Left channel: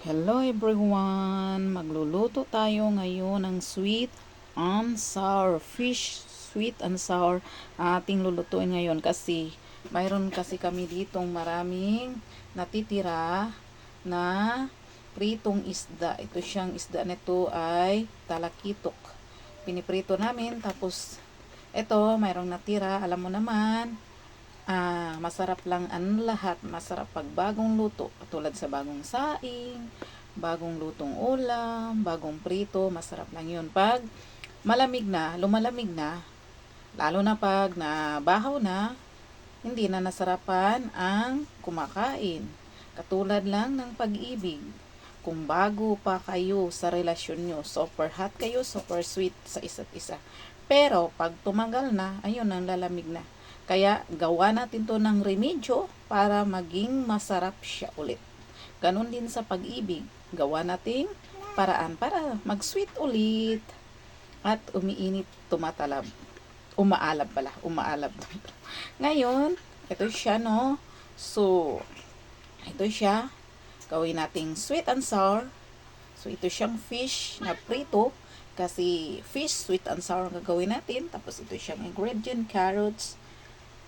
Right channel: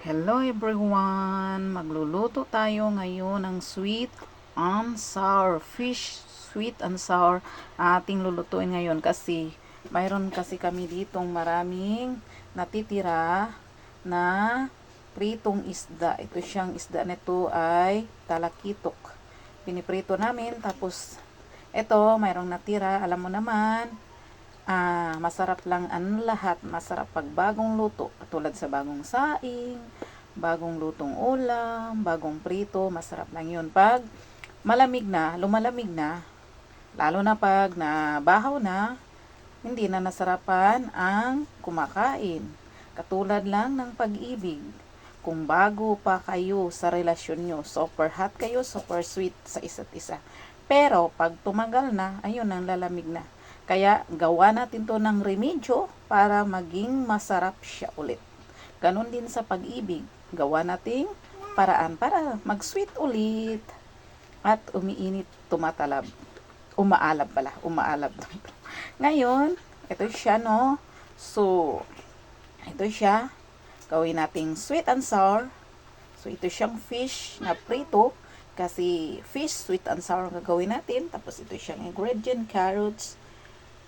Hello everyone! Magluluto tayo ngayon ng sweet and sour fish. Sweet and sour ating lulutuin ngayon kasi mayroon kasi kami ditong maraming natitira na pritong isda. Ito siyang isda nito ay talakitok. Piniprito namin tapos ito mayroong natira. Alam mo naman, masarap lang ang lahat. Masarap pag bagong luto, tulad sa bagong saing, bagong lutong ulam, bagong prito, masarap lang yun. Pag malamig na, lumalamig na, lalo na pag nabahaw na, hindi na nasarapan ang kumakain. Katulad lang ng pag-ibig. Kung bago pa kayo sa relasyon nyo, super hot kayo, super sweet sa isa't isa. Pero pag tumagal na, ayun, ang lalamig na. Kaya gawa natin to ng remedyo para maging masarap siya ulit. Ganon din sa pag-ibig. Gawa nating paraan para mag-sweet ulit. At umiinit, tumatalab. Umaalab pala. Umaalab. Ngayon, ito siya, no? So, ito siya. Gawin nating sweet and sour. So, ito siyang fish na prito. Kasi fish, sweet and sour ang gagawin natin. Tapos ito siyang ingredient, carrots,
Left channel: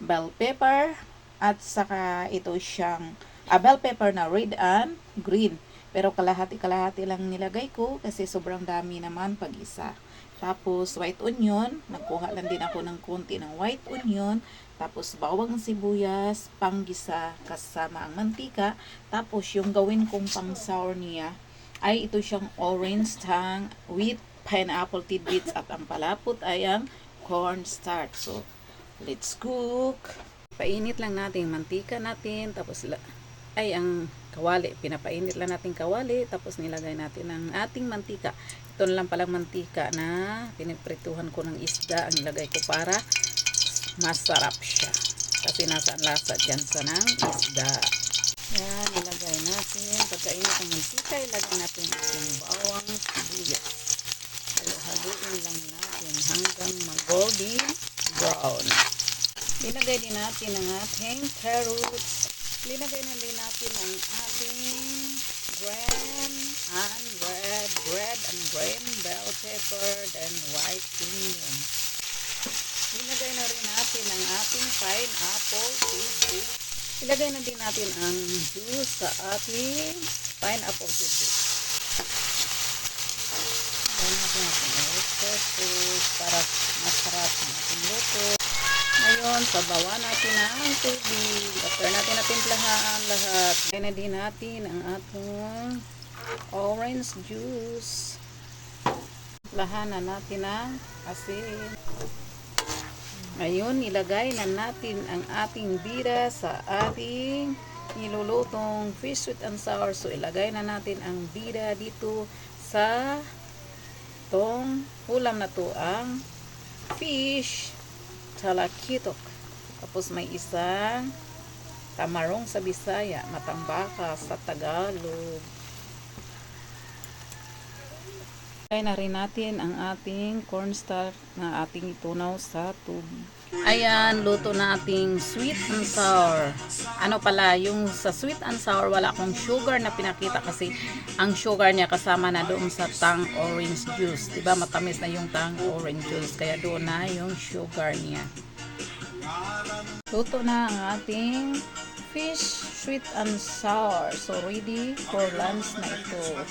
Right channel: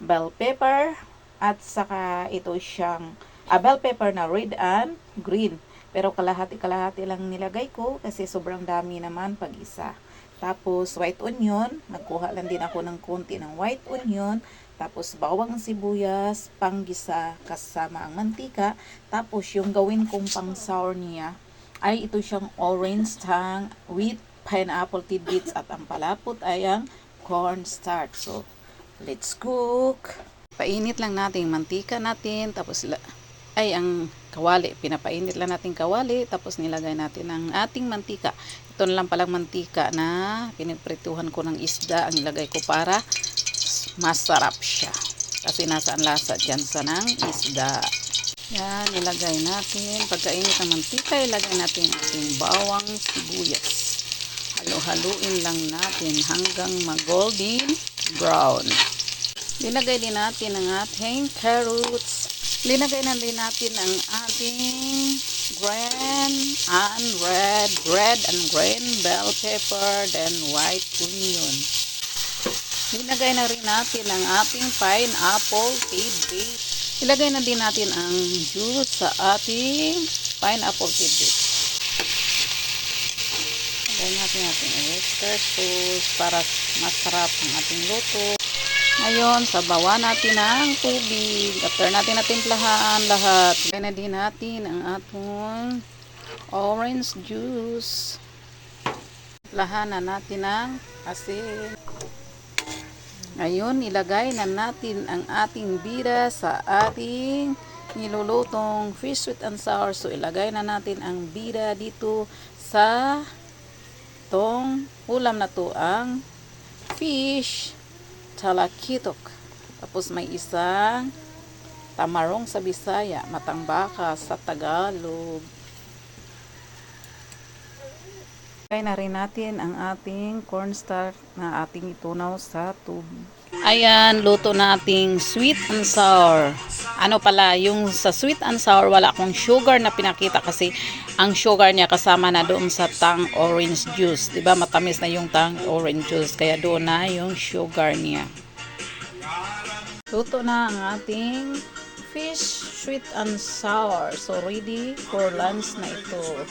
bell pepper, at saka ito siyang bell pepper na red and green. Pero kalahati-kalahati lang nilagay ko kasi sobrang dami naman pag isa. Tapos white onion, nagkuha lang din ako ng konti ng white onion. Tapos bawang sibuyas, panggisa kasama ang mantika. Tapos yung gawin kong pang sour niya ay ito siyang orange tang with pineapple tidbits at ang palapot ay ang cornstarch. So, let's cook. Painit lang natin mantika natin, tapos ang kawali, pinapainit lang natin kawali, tapos nilagay natin ang ating mantika. Ito na lang palang mantika na piniprituhan ko ng isda, ang ilagay ko para masarap siya. Kasi nasa ang lasa dyan sa ng isda. Yan, ilagay natin. Pagkainit ng mantika, ilagay natin ating bawang sibuyas. Halo-haluin lang natin hanggang mag-golden brown. Ilagay din natin ang ating carrots. Linagay na din natin ang ating green and red and green bell pepper, then white onion. Ilagay na rin natin ang ating pineapple tidbits. Ilagay na din natin ang juice sa ating pineapple tidbits. Ilagay natin ating oyster sauce para masarap ang ating luto. Ngayon, sabawan natin ang tubig. After natin natimplahan lahat, ilagay na din natin ang ating orange juice. Timplahan na natin ang asin. Ngayon, ilagay na natin ang ating bira sa ating nilulutong fish sweet and sour. So, ilagay na natin ang bira dito sa tong ulam na to, ang fish talakitok. Tapos may isang tamarong sa Bisaya, matambaka sa Tagalog. Ilagay na rin natin ang ating cornstarch na ating itunaw sa tubig. Ayan, luto na ating sweet and sour. Ano pala, yung sa sweet and sour, wala akong sugar na pinakita kasi ang sugar niya kasama na doon sa tang orange juice. Diba, matamis na yung tang orange juice, kaya doon na yung sugar niya. Luto na ang ating fish sweet and sour. So, ready for lunch na ito.